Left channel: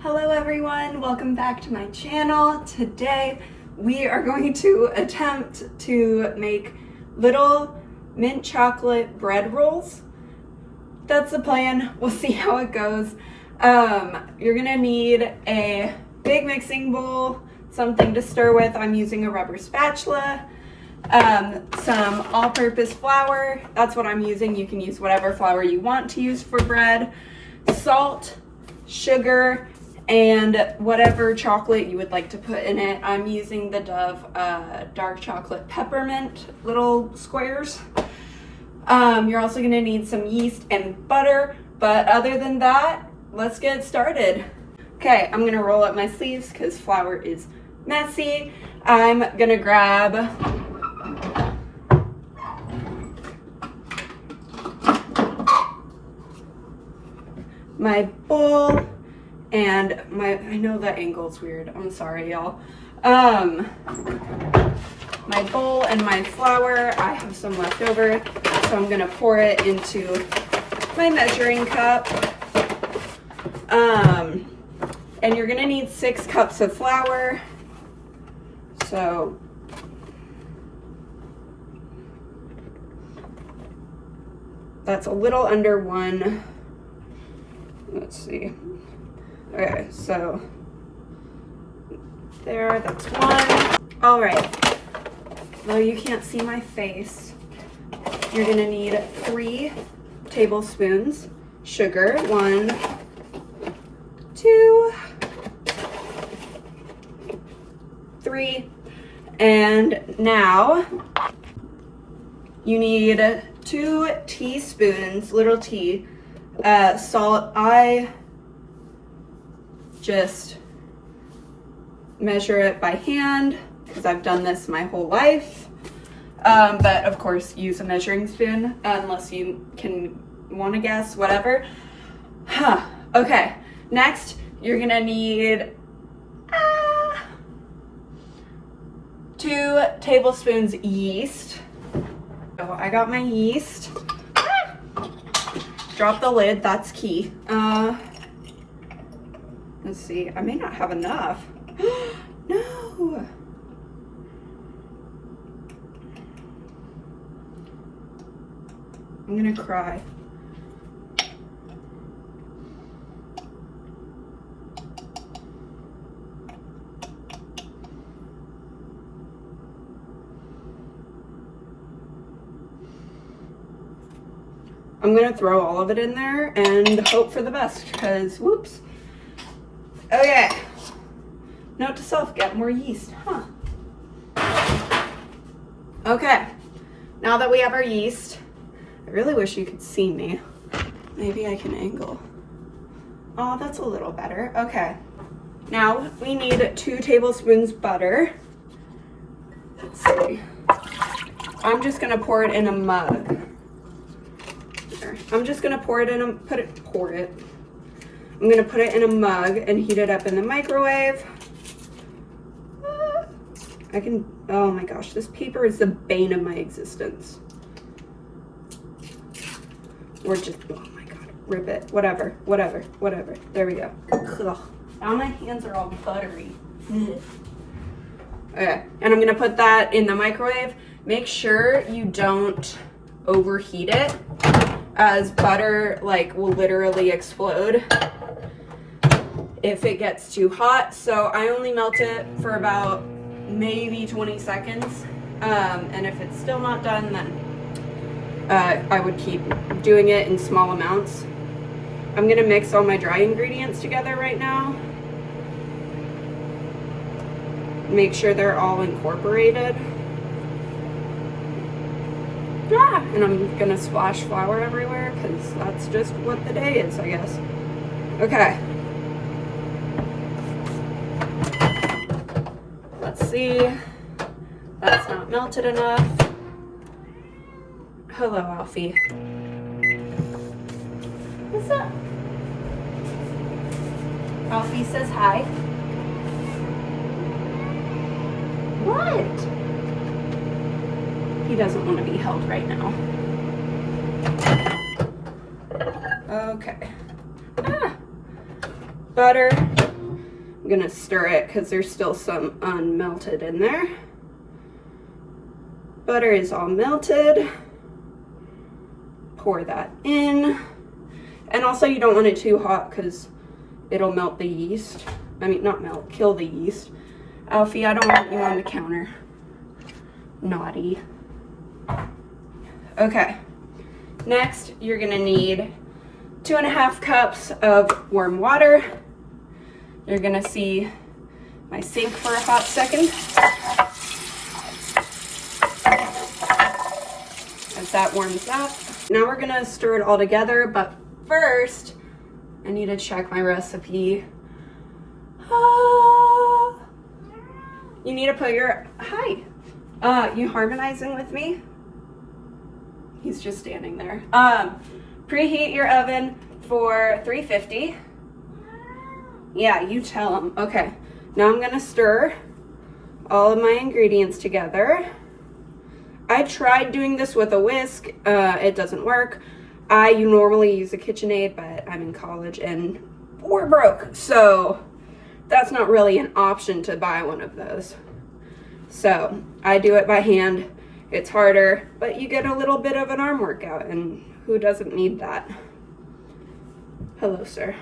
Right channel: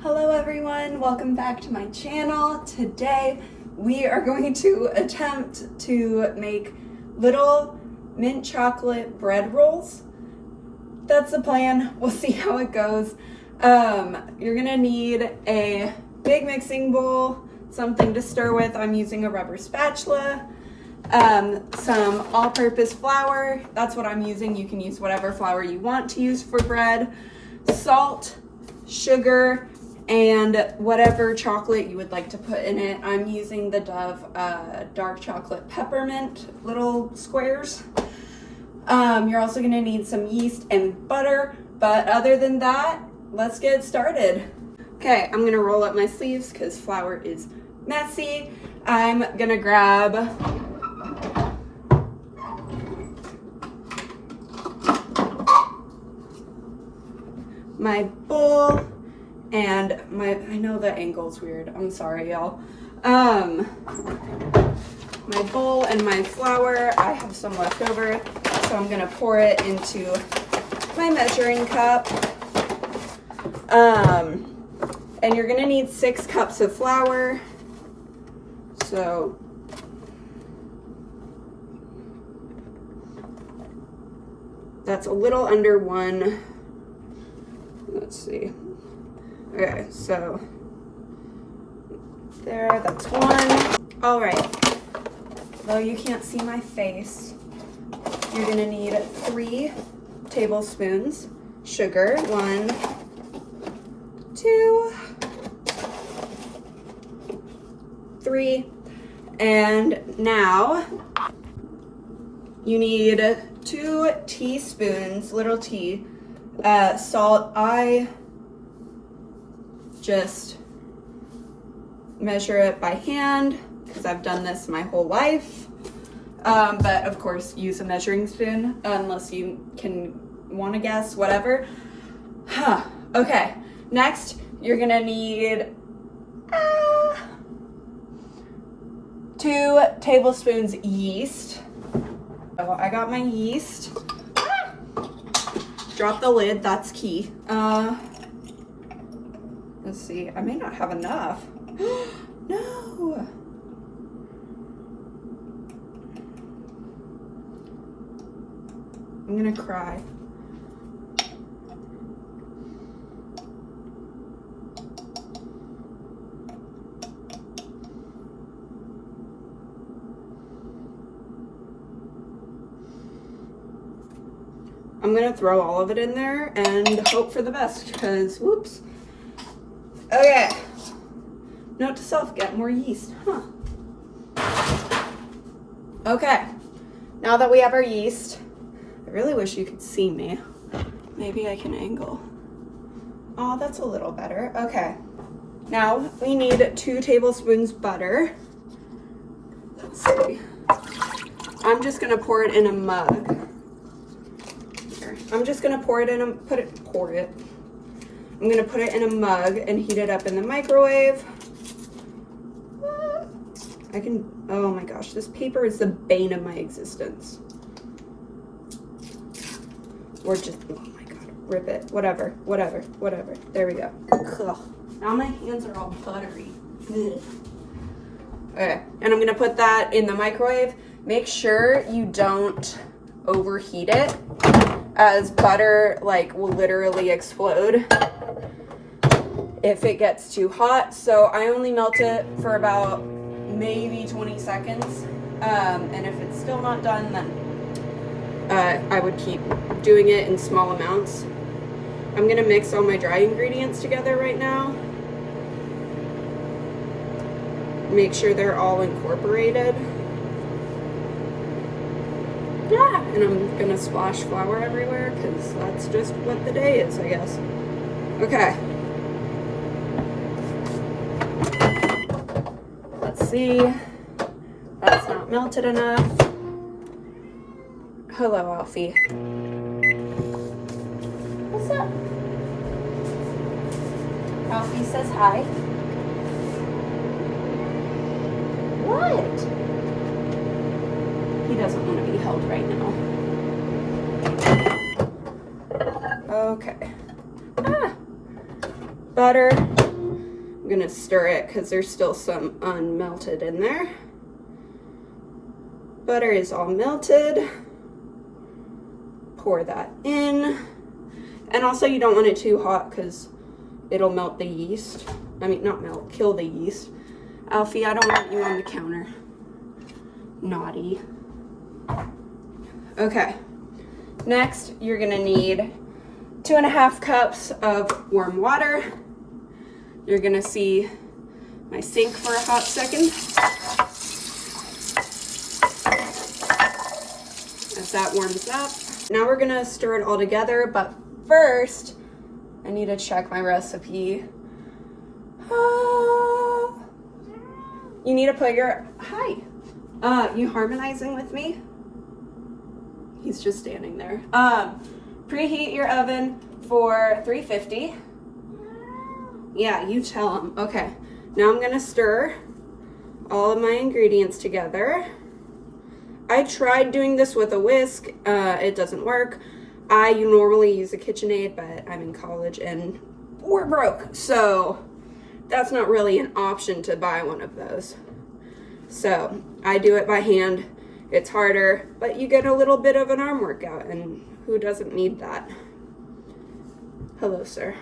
Hello everyone, welcome back to my channel. Today we are going to attempt to make little mint chocolate bread rolls. That's the plan. We'll see how it goes. You're gonna need a big mixing bowl, something to stir with. I'm using a rubber spatula, some all-purpose flour. That's what I'm using. You can use whatever flour you want to use for bread. Salt, sugar, and whatever chocolate you would like to put in it. I'm using the Dove dark chocolate peppermint little squares. You're also gonna need some yeast and butter, but other than that, let's get started. Okay, I'm gonna roll up my sleeves because flour is messy. I'm gonna grab my bowl and I know that angle's weird, I'm sorry y'all. My bowl and my flour, I have some left over, so I'm gonna pour it into my measuring cup. And you're gonna need 6 cups of flour, so that's a little under 1. Let's see. Okay, so there, that's 1. All right, though you can't see my face, you're gonna need 3 tablespoons sugar. 1, 2, 3. And now you need 2 teaspoons, little tea, salt. I just measure it by hand because I've done this my whole life. But of course use a measuring spoon unless you want to guess, whatever. Okay, next you're gonna need 2 tablespoons yeast. So I got my yeast. Drop the lid, that's key. Let's see, I may not have enough. No. I'm gonna cry. I'm gonna throw all of it in there and hope for the best, because whoops. Okay, note to self, get more yeast, Okay, now that we have our yeast, I really wish you could see me. Maybe I can angle. Oh, that's a little better. Okay, now we need 2 tablespoons butter. Let's see. I'm just gonna pour it in a mug. I'm just gonna pour it in a, I'm gonna put it in a mug and heat it up in the microwave. Oh my gosh, this paper is the bane of my existence. Or just, oh my God, rip it, whatever. There we go. Ugh. Now my hands are all buttery. Okay, and I'm gonna put that in the microwave. Make sure you don't overheat it, as butter will literally explode if it gets too hot. So I only melt it for about maybe 20 seconds. And if it's still not done, then I would keep doing it in small amounts. I'm gonna mix all my dry ingredients together right now. Make sure they're all incorporated. And I'm gonna splash flour everywhere because that's just what the day is, I guess. Okay. Let's see. That's not melted enough. Hello, Alfie. What's up? Alfie says hi. What? He doesn't want to be held right now. Okay. Butter. I'm gonna stir it because there's still some unmelted in there. Butter is all melted. Pour that in. And also you don't want it too hot because it'll melt the yeast. I mean, not melt, kill the yeast. Alfie, I don't want you on the counter. Naughty. Okay. Next, you're gonna need 2.5 cups of warm water. You're gonna see my sink for a hot second. As that warms up. Now we're gonna stir it all together, but first, I need to check my recipe. You need to put your, hi. You harmonizing with me? He's just standing there. Preheat your oven for 350. Yeah, you tell him. Okay, now I'm gonna stir all of my ingredients together. I tried doing this with a whisk. It doesn't work. I normally use a KitchenAid, but I'm in college and we're broke. So that's not really an option to buy one of those. So I do it by hand. It's harder, but you get a little bit of an arm workout, and who doesn't need that? Hello, sir.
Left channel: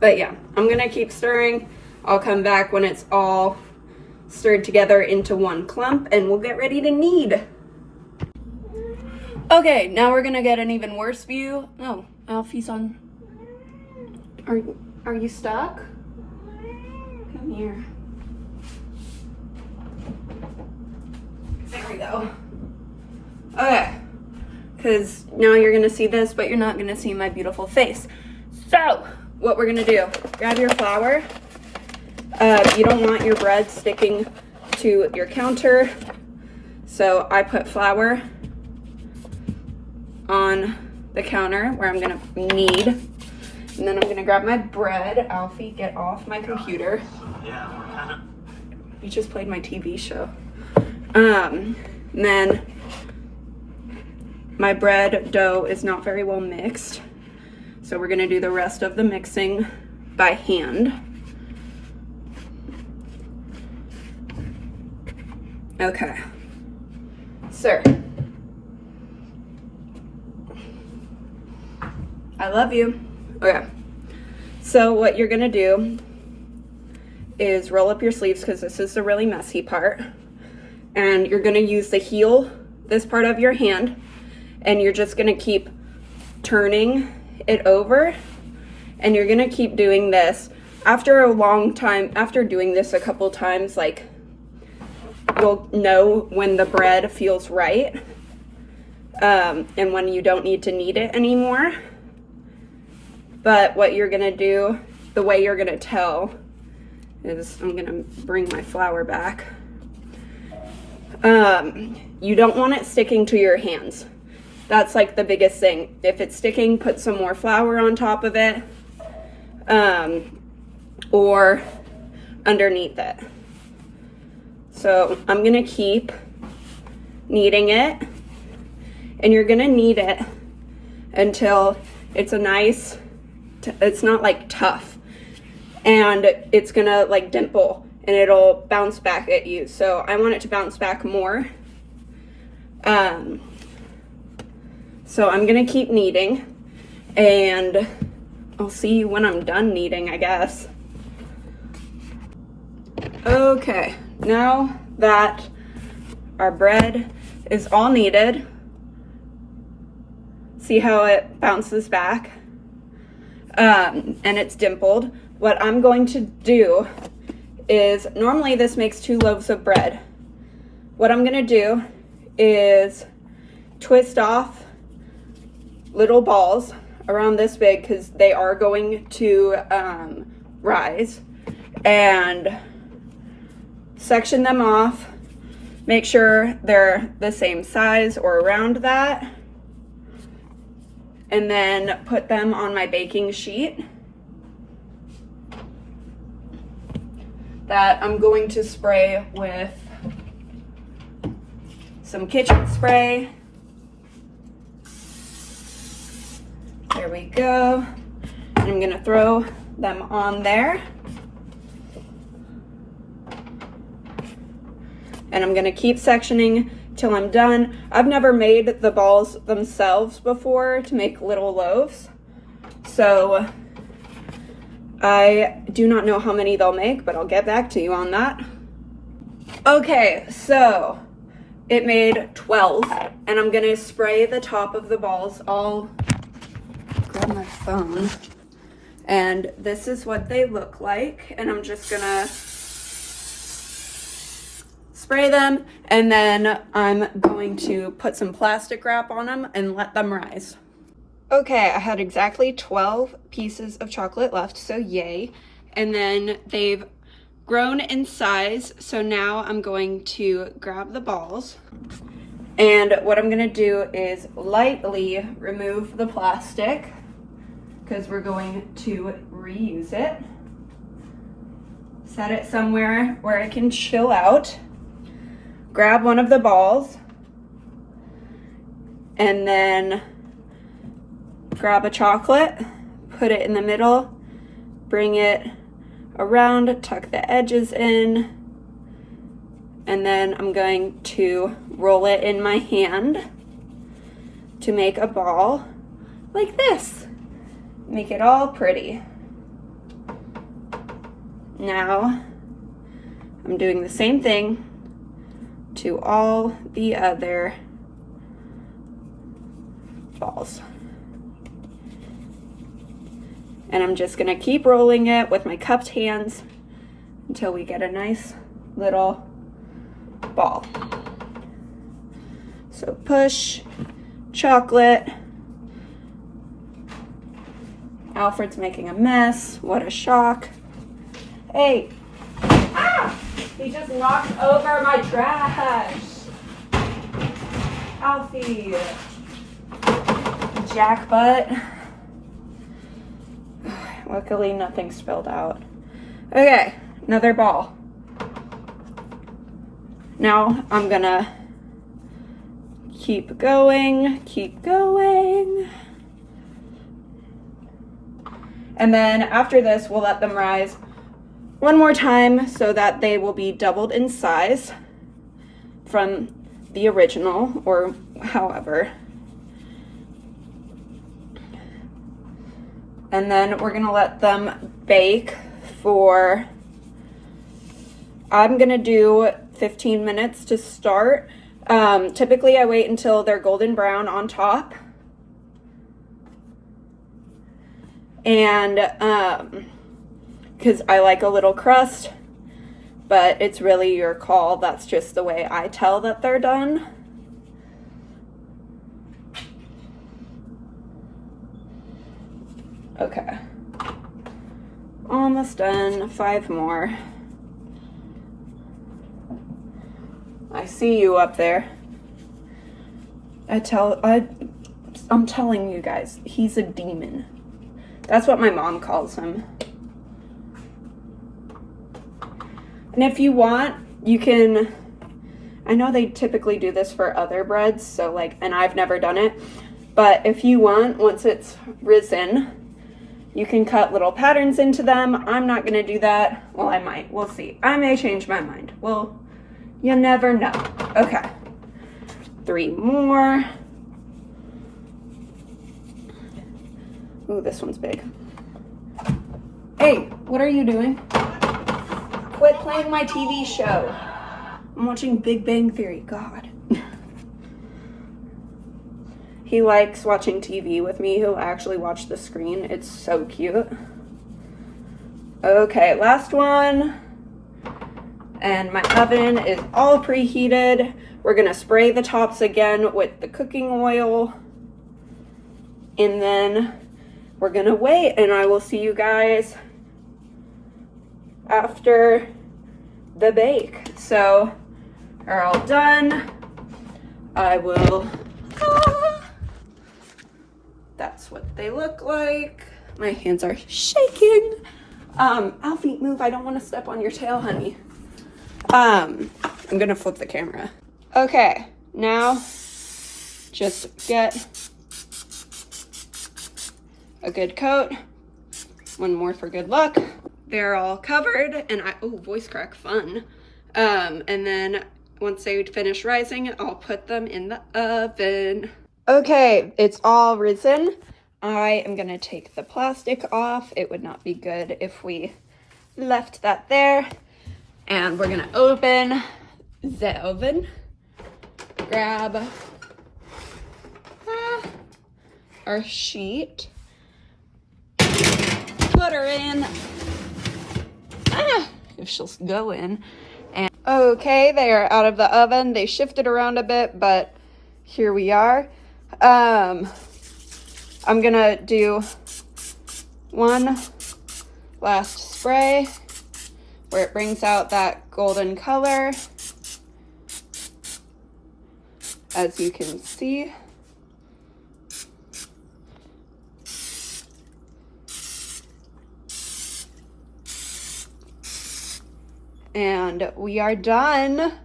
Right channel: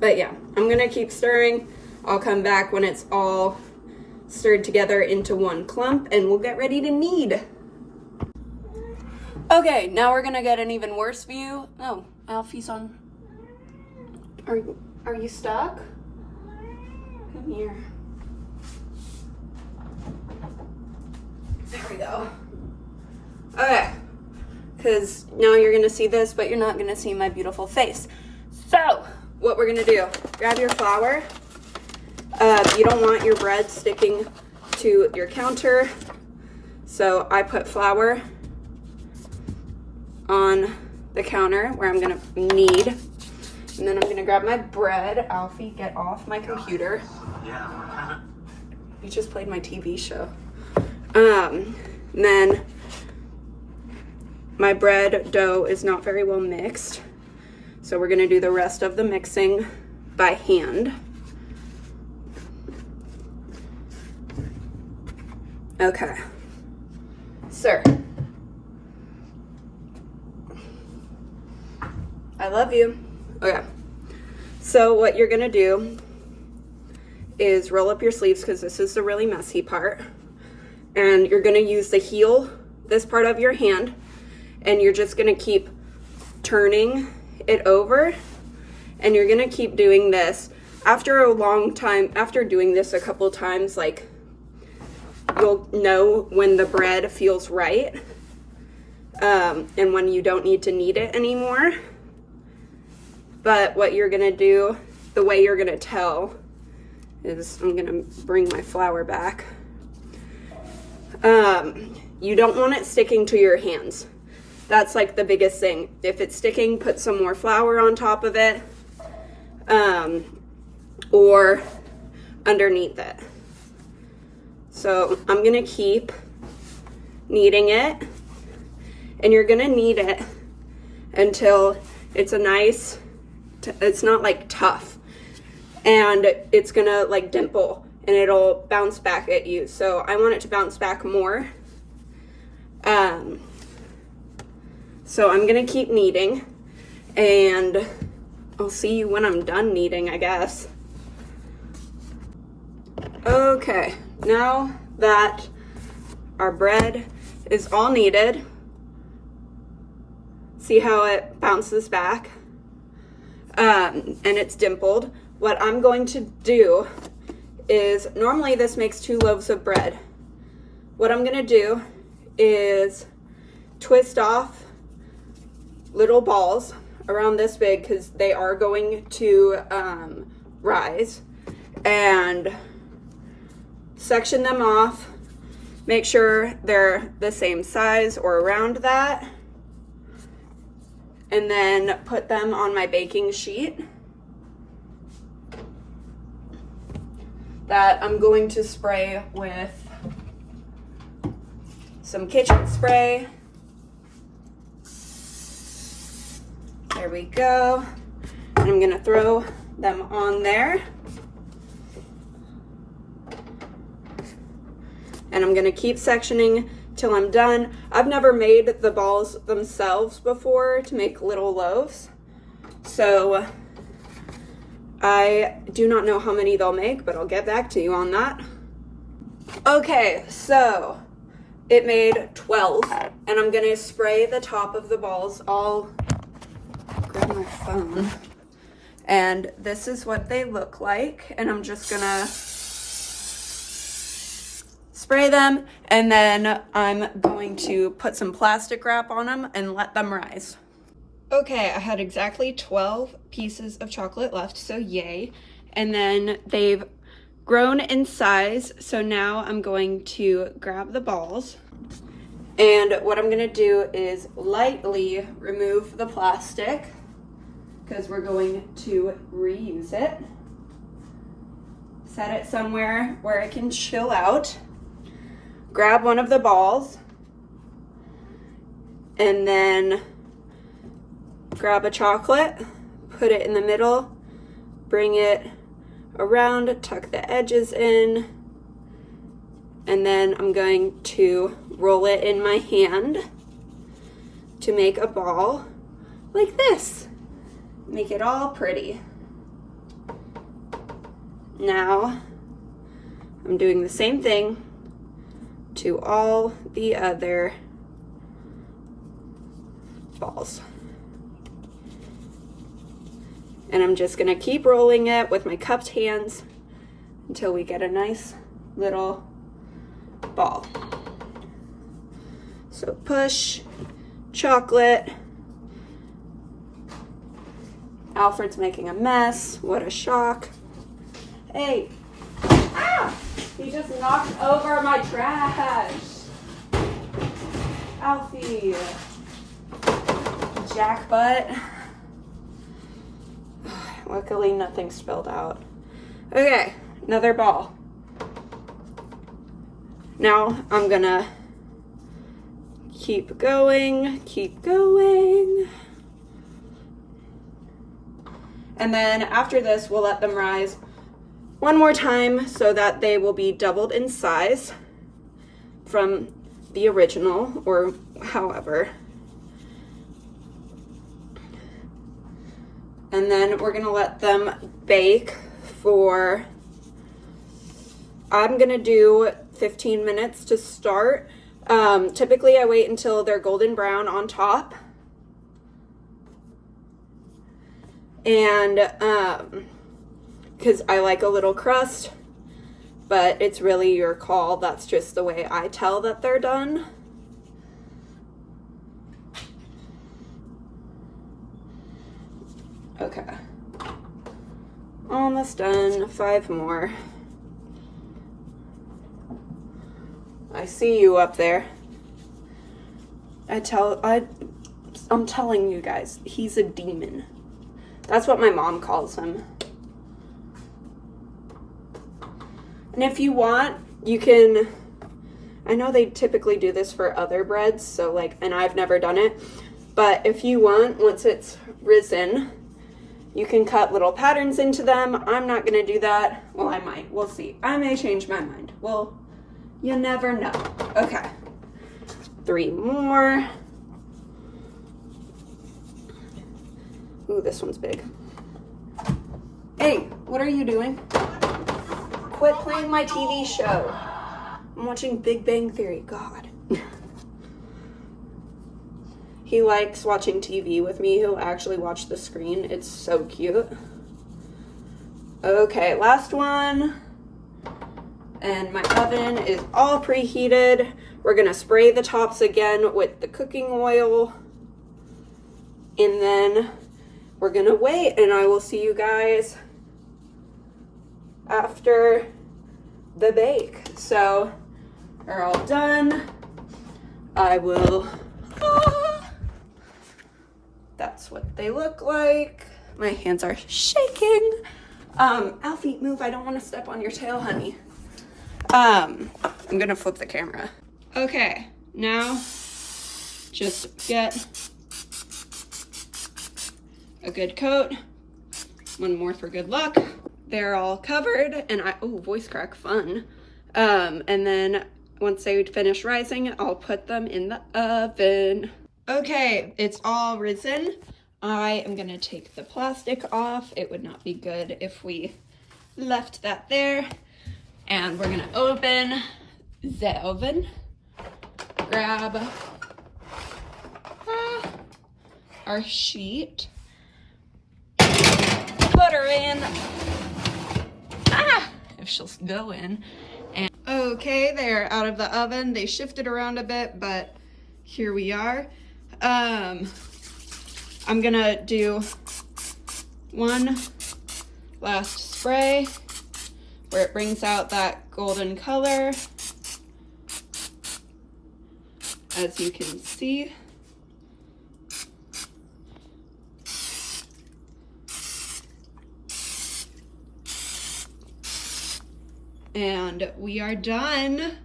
But yeah, I'm gonna keep stirring. I'll come back when it's all stirred together into one clump, and we'll get ready to knead. Okay, now we're gonna get an even worse view. Oh, Alfie's on. Are you stuck? Come here. There we go. Okay, because now you're gonna see this, but you're not gonna see my beautiful face. So, what we're gonna do, grab your flour. You don't want your bread sticking to your counter. So I put flour on the counter where I'm gonna knead. And then I'm gonna grab my bread. Alfie, get off my computer. You just played my TV show. And then my bread dough is not very well mixed. So we're gonna do the rest of the mixing by hand. Okay. Sir. I love you. Okay. So what you're gonna do is roll up your sleeves, because this is the really messy part. And you're gonna use the heel, this part of your hand, and you're just gonna keep turning it over, and you're gonna keep doing this. After a long time, after doing this a couple times, like, you'll know when the bread feels right, and when you don't need to knead it anymore. But what you're gonna do, the way you're gonna tell is, I'm gonna bring my flour back. You don't want it sticking to your hands. That's like the biggest thing. If it's sticking, put some more flour on top of it, or underneath it. So I'm gonna keep kneading it, and you're gonna knead it until it's a nice, it's not like tough, and it's gonna like dimple, and it'll bounce back at you. So I want it to bounce back more. So I'm gonna keep kneading, and I'll see you when I'm done kneading, I guess. Okay, now that our bread is all kneaded, see how it bounces back? And it's dimpled. What I'm going to do is, normally this makes 2 loaves of bread. What I'm gonna do is twist off little balls around this big, because they are going to rise, and section them off. Make sure they're the same size or around that, and then put them on my baking sheet that I'm going to spray with some kitchen spray. There we go. And I'm I'm gonna throw them on there. And I'm gonna keep sectioning till I'm done. I've never made the balls themselves before to make little loaves, so I do not know how many they'll make, but I'll get back to you on that. Okay, so it made 12, and I'm gonna spray the top of the balls. I'll grab my phone, and this is what they look like, and I'm just gonna spray them, and then I'm going to put some plastic wrap on them and let them rise. Okay, I had exactly 12 pieces of chocolate left, so yay. And then they've grown in size, so now I'm going to grab the balls. And what I'm gonna do is lightly remove the plastic, because we're going to reuse it. Set it somewhere where it can chill out. Grab one of the balls, and then grab a chocolate, put it in the middle, bring it around, tuck the edges in, and then I'm going to roll it in my hand to make a ball like this. Make it all pretty. Now I'm doing the same thing to all the other balls. And I'm just gonna keep rolling it with my cupped hands until we get a nice little ball. So push, chocolate. Alfred's making a mess. What a shock. Hey. Ah! He just knocked over my trash. Alfie. Jackbutt. Luckily, nothing spilled out. Okay, another ball. Now I'm gonna keep going. And then after this, we'll let them rise one more time so that they will be doubled in size from the original, or however. And then we're gonna let them bake for, I'm gonna do 15 minutes to start. Typically I wait until they're golden brown on top. And because I like a little crust, but it's really your call. That's just the way I tell that they're done. Okay, almost done. 5 more. I see you up there. I'm telling you guys, he's a demon. That's what my mom calls him. And if you want, you can, I know they typically do this for other breads, so like, and I've never done it, but if you want, once it's risen, you can cut little patterns into them. I'm not gonna do that. Well, I might, we'll see. I may change my mind. Well, you never know. Okay, 3 more. Ooh, this one's big. Hey, what are you doing? Quit playing my TV show. I'm watching Big Bang Theory. God. He likes watching TV with me. He'll actually watch the screen. It's so cute. Okay, last one. And my oven is all preheated. We're gonna spray the tops again with the cooking oil. And then we're gonna wait, and I will see you guys after the bake. So, are all done. I will, that's what they look like. My hands are shaking. Alfie, move, I don't wanna step on your tail, honey. I'm gonna flip the camera. Okay, now just get a good coat one more for good luck. They're all covered, and voice crack, fun. And then once they finish rising, I'll put them in the oven. Okay, it's all risen. I am gonna take the plastic off. It would not be good if we left that there. And we're gonna open the oven, grab our sheet, put her in, if she'll go in. And okay, they are out of the oven. They shifted around a bit, but here we are. I'm gonna do one last spray where it brings out that golden color, as you can see. And we are done.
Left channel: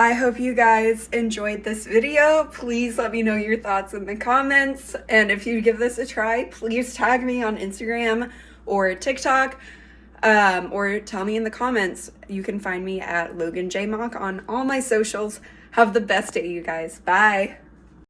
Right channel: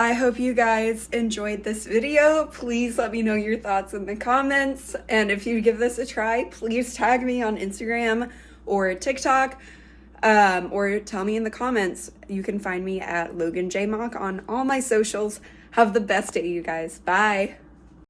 I hope you guys enjoyed this video. Please let me know your thoughts in the comments. And if you give this a try, please tag me on Instagram or TikTok, or tell me in the comments. You can find me at Logan J Mock on all my socials. Have the best day, you guys. Bye.